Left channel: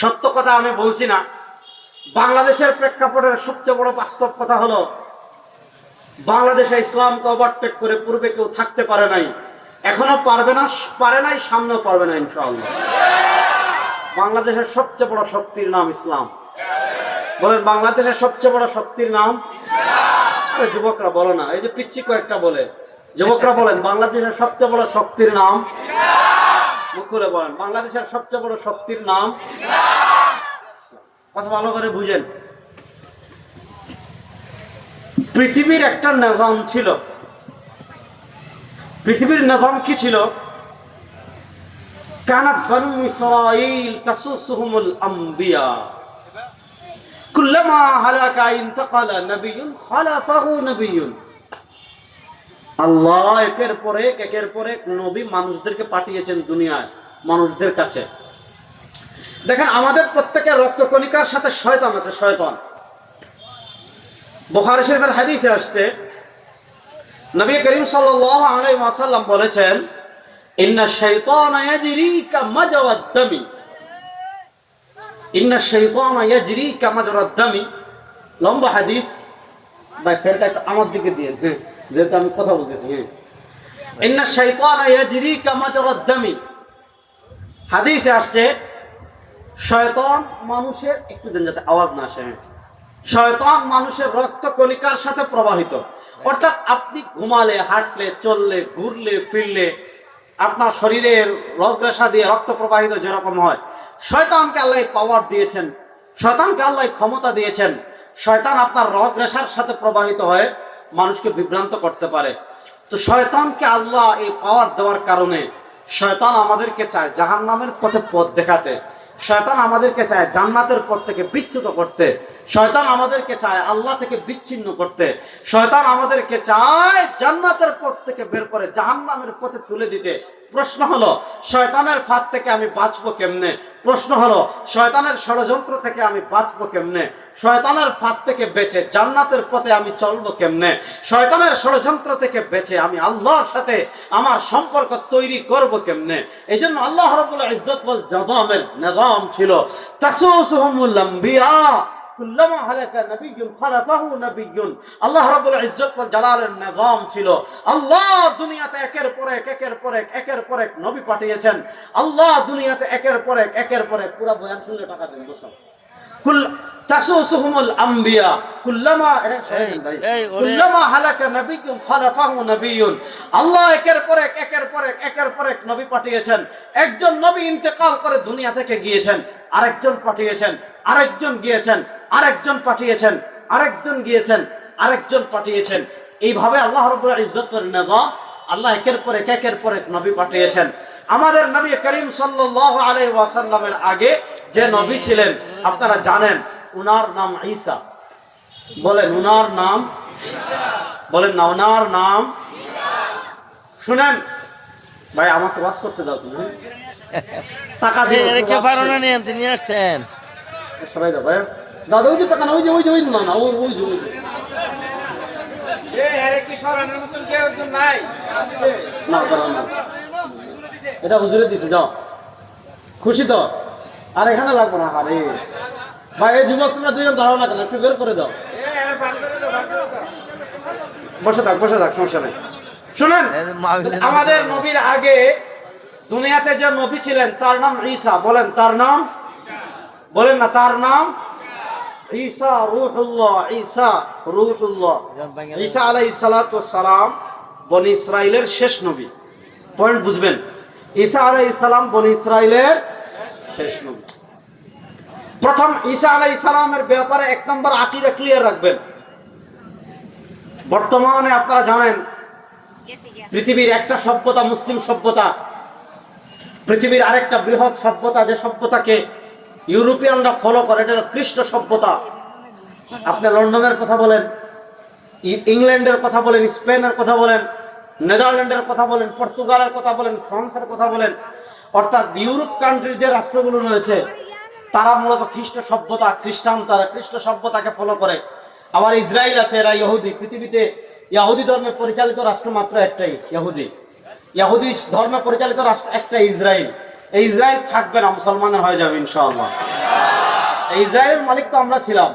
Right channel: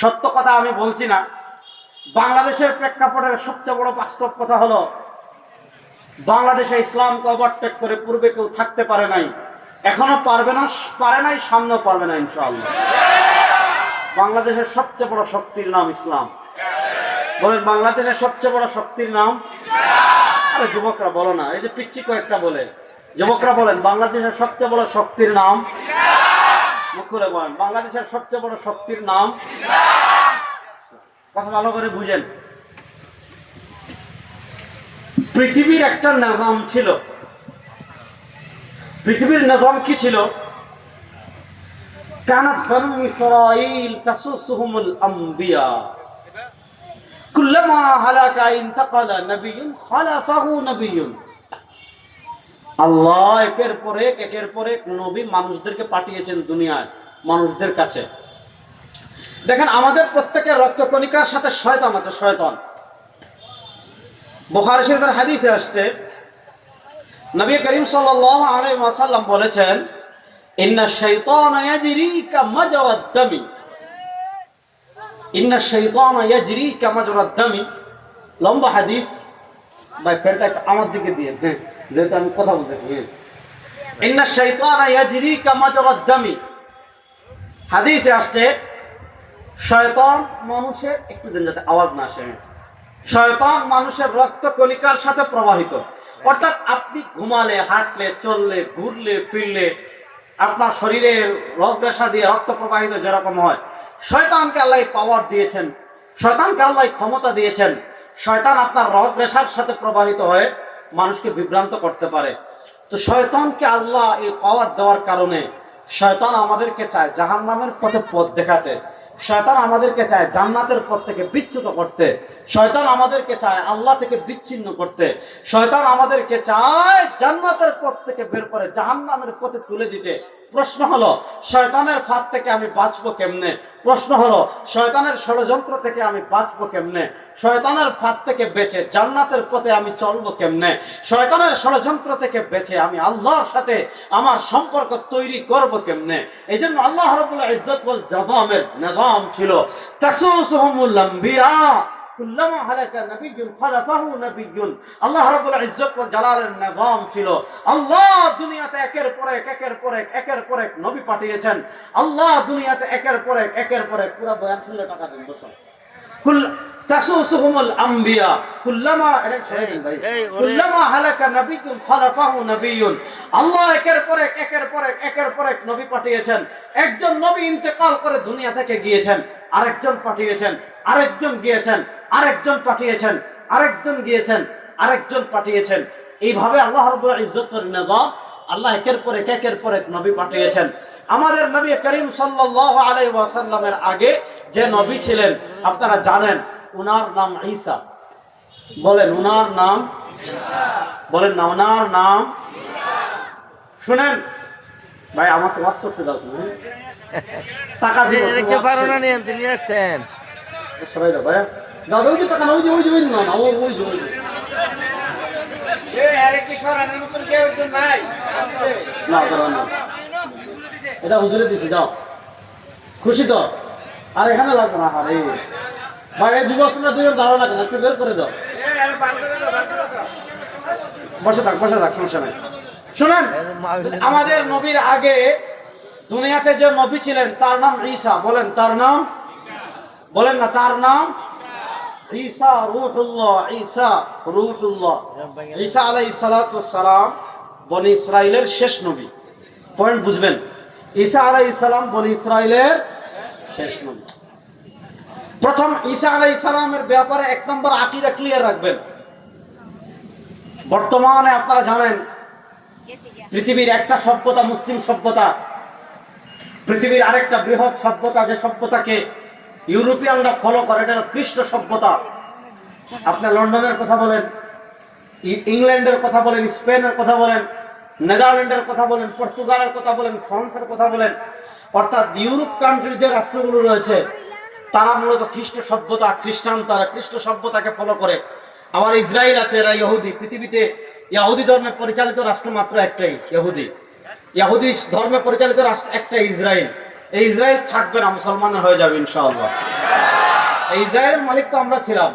সত্য কথা আমি বলছি না। বাংলাদেশের প্রেক্ষাপটের সবচেয়ে বড় বাস্তব কথা হলো, বাংলাদেশে ইসলামকে ওভারটেক করে পূর্বে কেউ থাকতে পারে নাই, এখনো পারবে না, পারে নাই, সামনেও পারবে না ইনশাআল্লাহ। বাংলাদেশের সবচেয়ে বড় শক্তির নাম ইসলাম। বলেন, বাংলাদেশের সবচেয়ে বড় শক্তির নাম? আরে যুবকরা বলো না, এই যে পিচ্ছি কয়েকটা বলে, যুবকরা বলেন বাংলাদেশের সবচেয়ে বড় শক্তির নাম। মুখ খুলে বলেন, বাংলাদেশের সবচেয়ে বড় শক্তির নাম। কথা ভালো করে বুঝেন। পৃথিবীর একটা নিজাম ছিল। পৃথিবীর নিজাম কি ছিল? কানাত বানু ইসরাঈল তাসুসুহুমুল আম্বিয়া কুল্লামা হালাকা ইনতাকালা নবিয়্যুন খালাফাহু নবিয়্যুন। আল্লাহ একের পর এক নবী মানুষদেরকে পাঠিয়েছেন দুনিয়ায়, মানুষদের কাছে। দেখেন, আমাদের প্রত্যেকের রক্তকণিকার সাথে শয়তান আছে। শয়তান, বুখারী শরীফের হাদিসে আসছে, নবী করিম সাল্লাল্লাহু আলাইহি ওয়াসাল্লাম বলেছেন, ইন্নাশ শাইতানা ইয়াজরি কামাজরাদ দামি। ইন্নাশ শাইতানা ইয়াজরি কামাজরাদ দামি। লম্বা হাদিস, ভাই ফেরটা আমার দিকে দিয়ে, হ্যাঁ, যেহেতু আমি কথা বলতেছি। ইন্নাশ শাইতানা ইয়াজরি কামাজরাদ দামি। হাদিসে আসছে, শয়তান মানুষের, একটু দিন যাতে আওয়াজ না আসে, শয়তান মানুষের রক্ত কণিকার সাথে প্রবাহিত। অর্থাৎ আপনি ঘুমালে, হাঁটলে, চললে, ঘুরলে, ফিরলে আপনার শরীরের রগ রেশা দিয়ে রক্ত প্রবাহিত যেরকম হয়, শয়তানকে আল্লাহ পাওয়ার দিয়েছেন, শয়তানকে আল্লাহ ক্ষমতা দিয়েছেন। শয়তান আপনার রগ রেশার সাথে প্রবাহিত হয়ে মানুষকে বিভ্রান্ত করতে পারে। তো শয়তানকে আল্লাহ এই পাওয়ার দেওয়ার কারণে শয়তান আমাদেরকে চায় জাহান্নামের পথে পথ দেখাতে, শয়তান আমাদেরকে চায় জান্নাতের পথ থেকে বিচ্যুত করতে, শয়তান আমাদেরকে চায় আল্লাহ থেকে বিচ্ছিন্ন করতে, শয়তান আমাদেরকে চায় জান্নাতের পথ থেকে বের করে জাহান্নামের পথে তুলে দিতে। প্রশ্ন হলো, শয়তানের ফাঁদ থেকে আমি বাঁচবো কেমনে? প্রশ্ন হলো, শয়তানের ষড়যন্ত্র থেকে আমি বাঁচবো কেমনে? শয়তানের ফাঁদ থেকে বেঁচে জান্নাতের পথে আমি চলবো কেমনে? শয়তানের ষড়যন্ত্র থেকে বেঁচে আমি আল্লাহর সাথে আমার সম্পর্ক তৈরি করব কেমনে? এই জন্য আল্লাহ রাব্বুল ইজ্জত ওয়াল জালালের নিজাম ছিল, তাসুসুহুমুল আম্বিয়া কুল্লামা হালাকা নবিয়্যুন খালাফাহু নবিয়্যুন। আল্লাহ রাব্বুল ইজ্জত ওয়াল জালালের নিজাম ছিল, আল্লাহ দুনিয়াতে একের পর এক নবী পাঠিয়েছেন। আল্লাহ দুনিয়াতে একের পর এক পুরো বয়ান শুনলে টাকা দেন দোস্ত। তাসুসুহুমুল আম্বিয়া কুল্লামা হালাকা নবিয়্যুন খালাফাহু নবিয়্যুন। আল্লাহ একের পর এক নবী পাঠিয়েছেন। একজন নবী ইন্তেকাল করে দুনিয়া থেকে গিয়েছেন, আরেকজন পাঠিয়েছেন, আরেকজন গিয়েছেন, আরেকজন পাঠিয়েছেন, আরেকজন গিয়েছেন, আরেকজন পাঠিয়েছেন। এইভাবে আল্লাহ রাব্বুল ইজ্জতের নিজাম, আল্লাহ একের পর এক নবী পাঠিয়েছেন। আমাদের নবী করিম সাল্লাল্লাহু আলাইহি ওয়াসাল্লামের আগে যে নবী ছিলেন আপনারা জানেন, উনার নাম ঈসা। বলেন, উনার নাম ঈসা। বলেন না, উনার নাম ঈসা। শুনেন ভাই, আমাকে ওয়াজ করতে দাও তুমি। টাকা দিয়ে কে পারো না নিয়ে আসতেন সবাই দাও ভাই। দাদা ওই যে টাকা না, ওই যে না না, ওই যে এটা হুজুরে দিছে, যাও। খুশি তো? আর এখানে লাগবে না। আরে ভাই, যুবক তোমরা দুজন দাঁড়াও না কেন, একটু বের করে দাও। বসে থাক, সমস্যা নেই। শোনেন, আমাদের নবীর আগে দুনিয়াতে যে নবী ছিলেন তার নাম ঈসা। বলেন, তার নাম, বলেন না, তার নাম ঈসা রূহুল্লাহ। ঈসা রূহুল্লাহ। ঈসা আলাইহিস সালাতু ওয়াস সালাম বনি ইসরাইলের শেষ নবী। পয়েন্ট বুঝবেন, ঈসা আলাইহিস সালাম বনি ইসরাইলের শেষ নবী। প্রথম ঈসা আলাইহিস সালামের ব্যাপারে এক নম্বর আকীদা ক্লিয়ার রাখবেন। বর্তমানে আপনারা জানেন পৃথিবীর একটা সভ্যতা মুসলিম সভ্যতা, পৃথিবীর আরেকটা বৃহৎ সভ্যতা, যে সভ্যতাকে ইউরোপিয়ানরা ফলো করে, এটা হলো খ্রিস্ট সভ্যতা। আপনি লন্ডনের কথা বলেন, ইংল্যান্ডের কথা বলেন, স্পেনের কথা বলেন, নেদারল্যান্ডের কথা বলেন, পর্তুগালের কথা বলেন, ফ্রান্সের কথা বলেন, অর্থাৎ ইউরোপ কান্ট্রির যে রাষ্ট্রগুলো রয়েছে তারা মূলত খ্রিস্ট সভ্যতা, খ্রিস্টান, তারা খ্রিস্ট সভ্যতাকে ফলো করে। আবার ইসরায়েল আছে, এরা ইহুদি। পৃথিবীতে ইহুদি ধর্মে পরিচালিত রাষ্ট্র মাত্র একটাই, ইহুদি। ইহুদি ধর্মে পরিচালিত রাষ্ট্র একটাই, ইসরায়েল। এই ইসরায়েল থাকবে না, মুসলমান হয়ে যাবে ইনশাআল্লাহ। ইসরায়েল মালিক তো আমরা ছিলাম,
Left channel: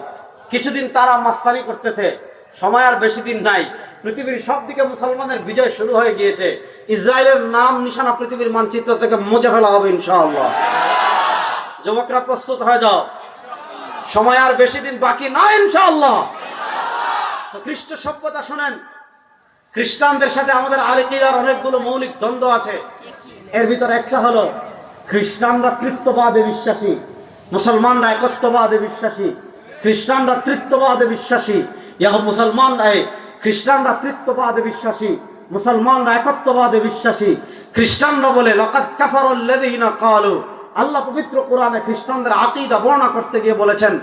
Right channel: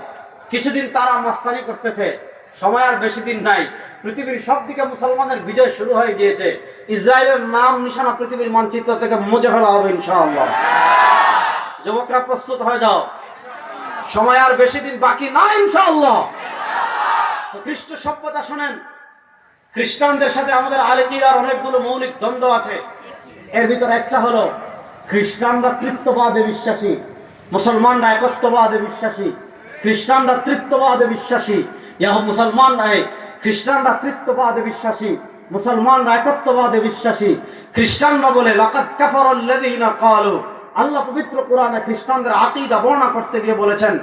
কিছুদিন তারা মাস্তানি করতেছে, সময় আর বেশি দিন নাই, পৃথিবীর সব দিকে মুসলমানের বিজয় শুরু হয়ে গিয়েছে। ইসরায়েলের নাম নিশানা পৃথিবীর মানচিত্র থেকে মুছে ফেলা হবে ইনশাআল্লাহ। যুবকরা প্রস্তুত হয়ে যাও, সময় আর বেশি দিন বাকি নাই ইনশাআল্লাহ। তো খ্রিস্ট সভ্যতা শুনেন, খ্রিস্টানদের সাথে আমাদের আকিদার অনেকগুলো মৌলিক দ্বন্দ্ব আছে। এর ভিতরে একটা হলো খ্রিস্টানরা তৃত্ববাদে বিশ্বাসী, মুসলমানরা একত্ববাদে বিশ্বাসী। খ্রিস্টানরা তৃত্ববাদে বিশ্বাসী, খ্রিস্টানরা তৃত্ববাদে বিশ্বাসী, মুসলমানরা একত্ববাদে বিশ্বাসী। খ্রিস্টানরা বলে লাকাদ কাফারাল্লাযীনা ক্বালু, আল্লাহ পবিত্র কোরআনে খ্রিস্টানদের আকীদা বর্ণনা করতে গিয়ে বলেছেন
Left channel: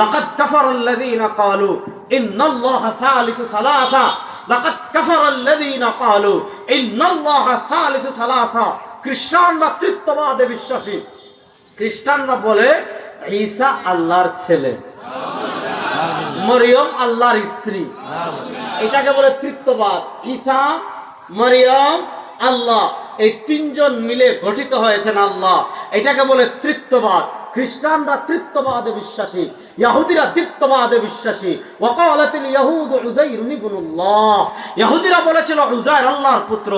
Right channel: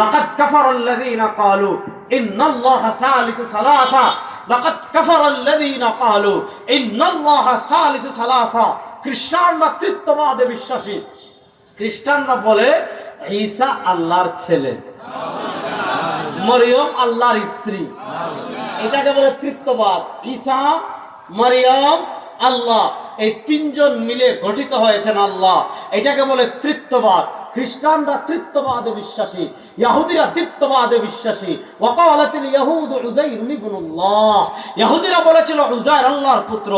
লাকাদ কাফারাল্লাযীনা ক্বালু ইন্নাল্লাহা সালিসু সালাসা, লাকাদ কাফারাল্লাযীনা ক্বালু ইন্নাল্লাহা সালিসু সালাসা। খ্রিস্টানরা তৃত্ববাদে বিশ্বাসী, খ্রিস্টানরা বলে ঈসা আল্লাহর ছেলে, মরিয়ম আল্লাহর স্ত্রী, এটাকে বলে তৃত্ববাদ। ঈসা, মরিয়ম, আল্লাহ, এই তিনজন মিলে গঠিত হয়েছেন আল্লাহ, এটাকে বলে তৃত্ববাদ। খ্রিস্টানরা তৃত্ববাদে বিশ্বাসী, ইহুদিরা তৃত্ববাদে বিশ্বাসী। ওয়াকালাতিল ইয়াহুদু উযাইর ইবনুল্লাহ, ইহুদিরা বলেছিল উযাইর আল্লাহর পুত্র।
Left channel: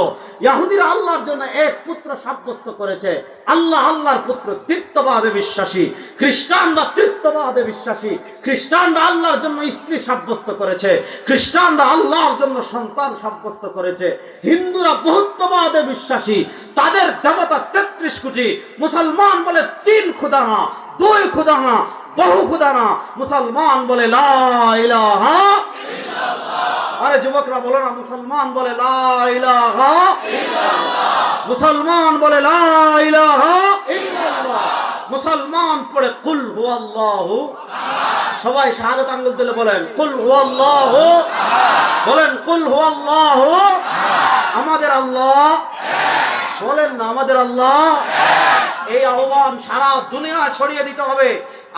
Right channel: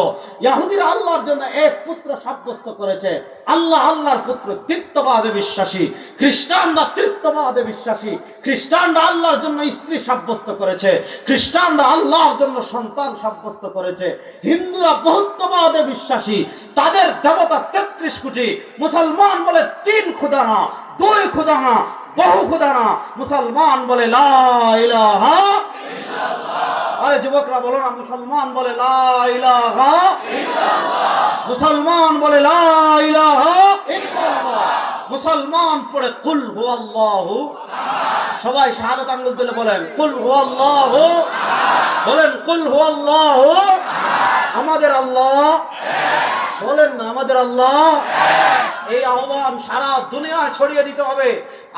ইহুদিরা আল্লাহর জন্য এক পুত্র সাব্যস্ত করেছে, আল্লাহ আল্লাহর পুত্র, তৃত্ববাদে বিশ্বাসী। খ্রিস্টানরা তৃত্ববাদে বিশ্বাসী, খ্রিস্টানরা আল্লাহর জন্য স্ত্রী সাব্যস্ত করেছে, খ্রিস্টানরা আল্লাহর জন্য সন্তান সাব্যস্ত করেছে। হিন্দুরা বহুত্ববাদে বিশ্বাসী, তাদের দেবতা 33 কোটি। মুসলমান বলে 3 খুদা না, 2 খুদা না, বহু খুদা না। মুসলমান বলে লা ইলাহা ইল্লাল্লাহ। আরে যুবকরা বলো না, মুসলমান বলে লা ইলাহা ইল্লাল্লাহ। মুসলমান বলে লা ইলাহা ইল্লাল্লাহ। মুসলমান পড়ে কুল হুয়াল্লাহু আহাদ। সবাই শাহাদাত আঙ্গুল তুলে বলেন কুল হুয়াল্লাহু আহাদ, বলেন কুল হুয়াল্লাহু আহাদ। আমাদের আল্লাহ বলেন না, আমাদের আল্লাহ। এই আহ্বান সারা দুনিয়া ছড়িয়ে দিতে হবে।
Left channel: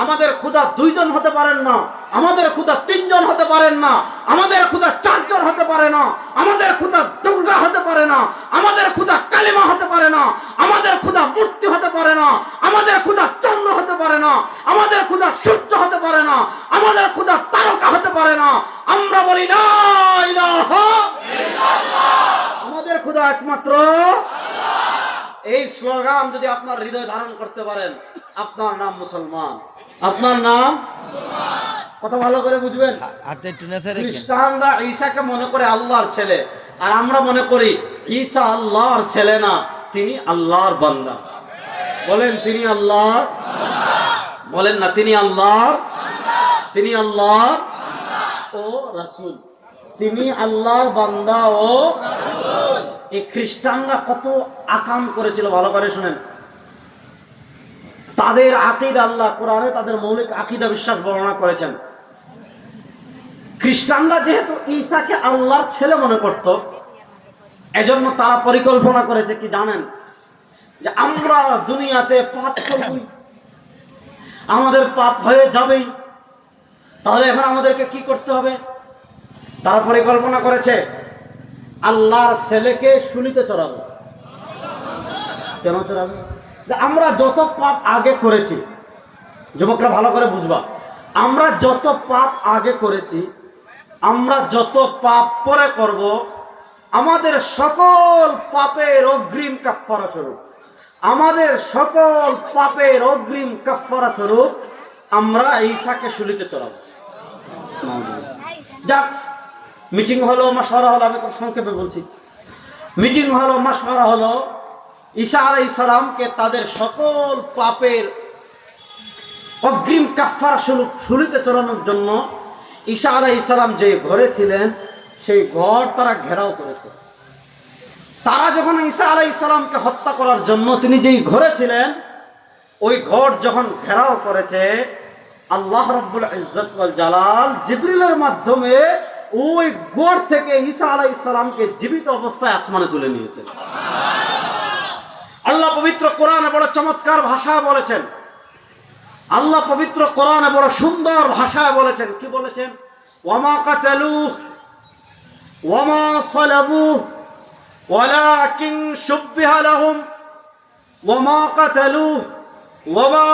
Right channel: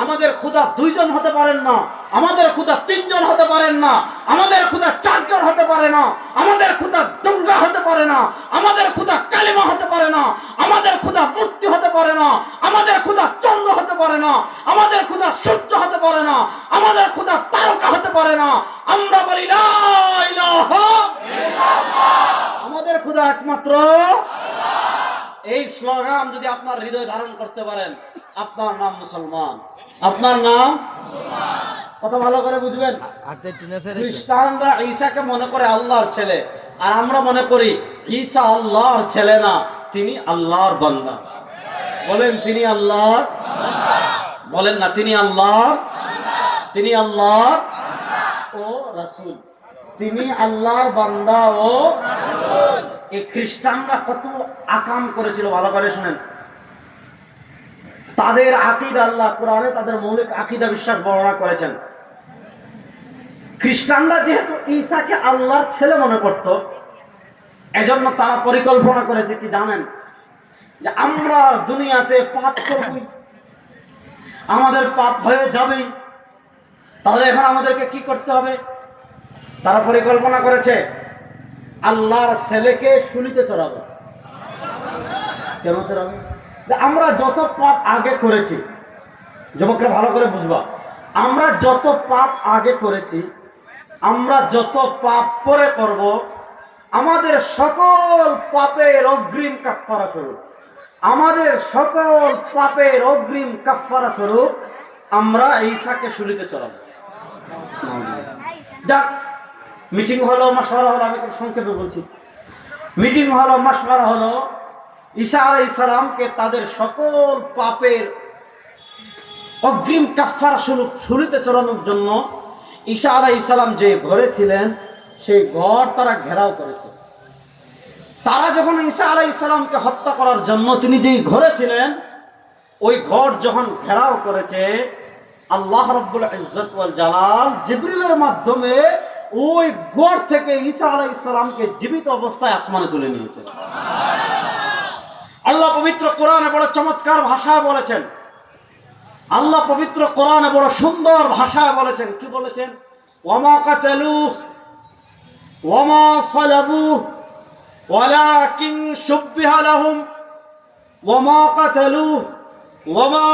আমাদের খোদা 2 জন হতে পারেন না, আমাদের খোদা 3 জন হতে পারেন না, আমাদের খোদা 4 জন হতে পারে না, আমাদের খোদা দুর্গা হতে পারে না, আমাদের খোদা কালিমা হতে পারে না, আমাদের খোদা মূর্তি হতে পারে না, আমাদের খোদা চন্দ্র হতে পারে না, আমাদের খোদা সূর্য হতে পারে না, আমাদের খোদা তারকা হতে পারে না। আমরা বলি লা ইলাহা ইল্লাল্লাহ, আমাদের খোদা একমাত্র আল্লাহ। এই স্লোগান যদি আপনার হৃদয় ধারণ করতে পারেন, আপনার নাম মুসলমান, আপনার নাম মুসলমান। কত ভালো করে বুঝবেন। খ্রিস্টানরা ঈসাকে মনে করে আল্লাহর ছেলে, আর আমরা মনে করি ঈসা আল্লাহর ছেলে না, তিনি আল্লাহর বান্দা। বলেন তিনি আল্লাহর, বলেন না তিনি আল্লাহর, তিনি আল্লাহর ও রাসূল, তিনি আল্লাহর বান্দা ও রাসূল। এই খ্রিস্টানরা কত আকাম করেছিল ভালো করে শুনেন। তাদের আকীদা আল্লাহ কোরআনে তাদের মৌলিক আকীদা বিশ্বাস বর্ণনা করেছেন। খ্রিস্টানরা যেহেতু ঈসাকে আল্লাহর ছেলে মনে করত, এজন্য তারা পরিকল্পনা করেছে কি জানেন, যে আমরা দুনিয়াতে পাপ করব, আমাদের পাপ হয়ে যাবেই, তাহলে এখন আমাদেরকে কি করতে হবে। তারা পরিকল্পনা করেছে আল্লাহর ছেলেকে শুলিতে চড়াবো। কেন চড়াবে? আমরা যত পাপ আগে করেছি, যুবকরা ভালো করে বুঝবা, আমরা যত পাপ আগে করেছি, আমরা যত পাপ পরে করব, আমাদের সকল পাপের অগ্রিম কাফফারা স্বরূপ, আমাদের সকল পাপের অগ্রিম কাফফারা স্বরূপ আমরা ঈসাকে শুলিতে চড়াবো। যাক, মিটিং হলো, মাশওয়ারা হলো, আমি সংক্ষেপে বলছি। মিটিং হলো, মাশওয়ারা হলো, ঈসা আলাইহিস সালামকে তাদের সকল পাপের অগ্রিম কাফফারা স্বরূপ শুলিতে চড়ানোর জন্য ঈসা আলাইহিস সালাম যে ঘরে ছিলেন, সেই ঘর তারা ঘেরাও করেছে। তারা যখন ঈসা আলাইহিস সালামকে হত্যা করার জন্য তিনি যেই ঘরে ছিলেন, ওই ঘর যখন ঘেরাও করেছে, আল্লাহ রাব্বুল ইজ্জত ওয়াল জালাল জিবরিলের মাধ্যমে ওই ঘর থেকে ঈসা আলাইহিস সালামকে জীবিত অবস্থায় আসমানে তুলে নিয়েছে। আল্লাহ পবিত্র কোরআনে বড় চমৎকার ভাষায় বলেছেন, আল্লাহ পবিত্র কোরআনে বড় সুন্দর ভাষায় বলেছেন। কি বলেছেন? ওয়ামা কাতালুহু ওয়ামা সালাবুহু ওয়ালাকিন শুব্বিহা লাহুম ওয়ামা কাতালুহু ওয়ামা